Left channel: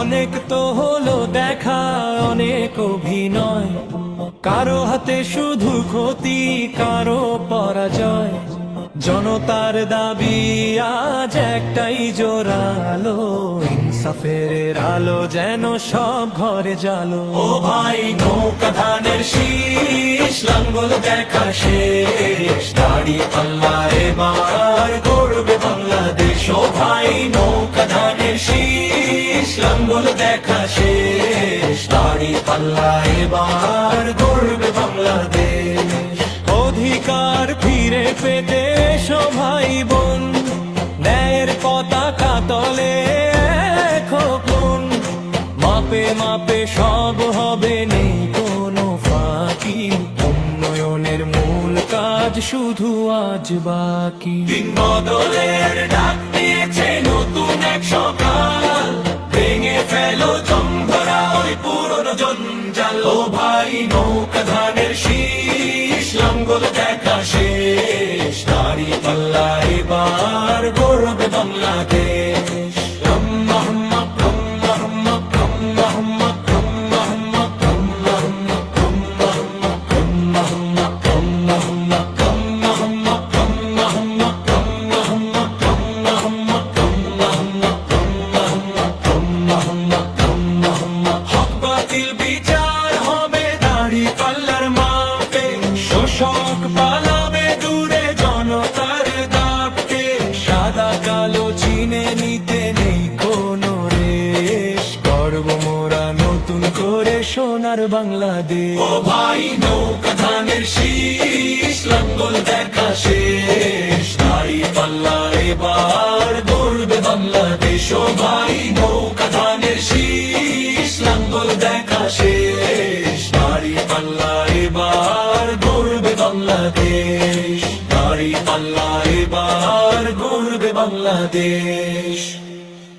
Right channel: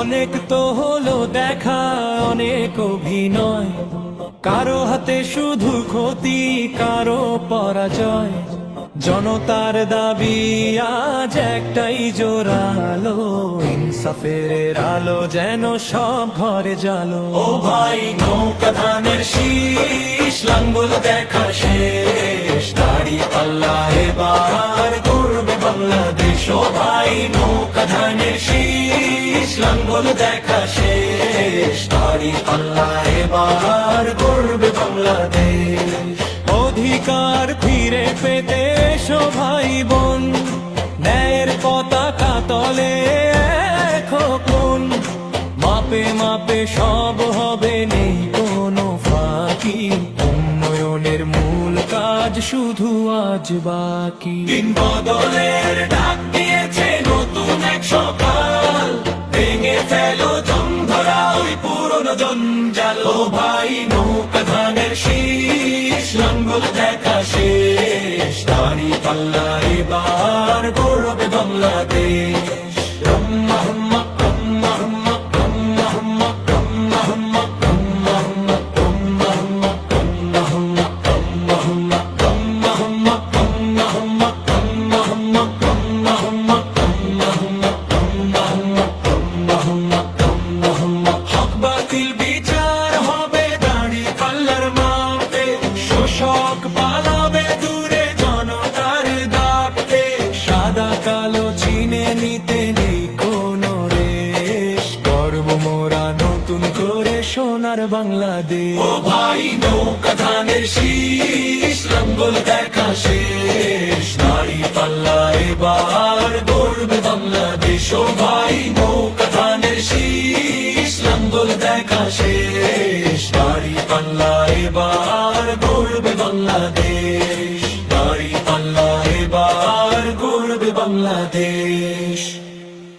অনেক তো হলো দেখা, অনেক অভিনয়, কারো হাতে শুধু ক্ষতি, কারো পরাজয়। জনতার দাবি আজ একটাই জোরালো, ইনসাফের আলো যেন সব ঘরে জালো। ও ভাই নৌকা ধানের শীষ, লাঙ্গল দেখা শেষ, দাঁড়িয়ে পাল্লা এবার গড়বে বাংলাদেশ। ও ভাই নৌকা ধানের শীষ, লাঙ্গল দেখা শেষ, দাঁড়িয়ে পাল্লা এবার গড়বে বাংলাদেশ। অধিকার ফিরে পেতে এসো ভাই বোন, ন্যায়ের পতাকা তলে এখন। মাপে মাপে সব হবে, নেই কোনো ফাঁকি, উন্নয়নের মূল কাজ শুধু আজ বাকি। দিন বদলের ডাক দিয়েছে নতুন এক সকাল, ভেঙে ফেলো জং ধরা ওই পুরনো জঞ্জাল। ও ভাই নৌকা ধানের শীষ, লাঙ্গল দেখা শেষ, দাঁড়িয়ে পাল্লা এবার গড়বে বাংলাদেশ। ব্রহ্মা হম্মা ব্রহ্মা হম্মা ব্রহ্মা হম্মা ব্রহ্মা হম্মা ব্রহ্মা হম্মা ব্রহ্মা হম্মা ব্রহ্মা হম্মা ব্রহ্মা হম্মা ব্রহ্মা হম্মা ব্রহ্মা হম্মা ব্রহ্মা হম্মা ব্রহ্মা হম্মা ব্রহ্মা হম্মা ব্রহ্মা হম্মা ব্রহ্মা হম্মা ব্রহ্মা হম্মা। হক বাতিল বিচার হবে দাঁড়ি পাল্লার মাপে, শোষক পালাবে দূরে জনতার দাপটে। সাদা কালো চিনে নিতে নেই কোনো রেশ, গর্ব মোরা নতুন করে সোনার বাংলাদেশ। ও ভাই নৌকা ধানের শীষ, লাঙ্গল দেখা শেষ, দাঁড়ি পাল্লা এবার গড়বে বাংলাদেশ। ও ভাই নৌকা ধানের শীষ, লাঙ্গল দেখা শেষ, দাঁড়ি পাল্লা এবার গড়বে বাংলাদেশ, দাঁড়ি পাল্লা এবার গড়বে বাংলাদেশ।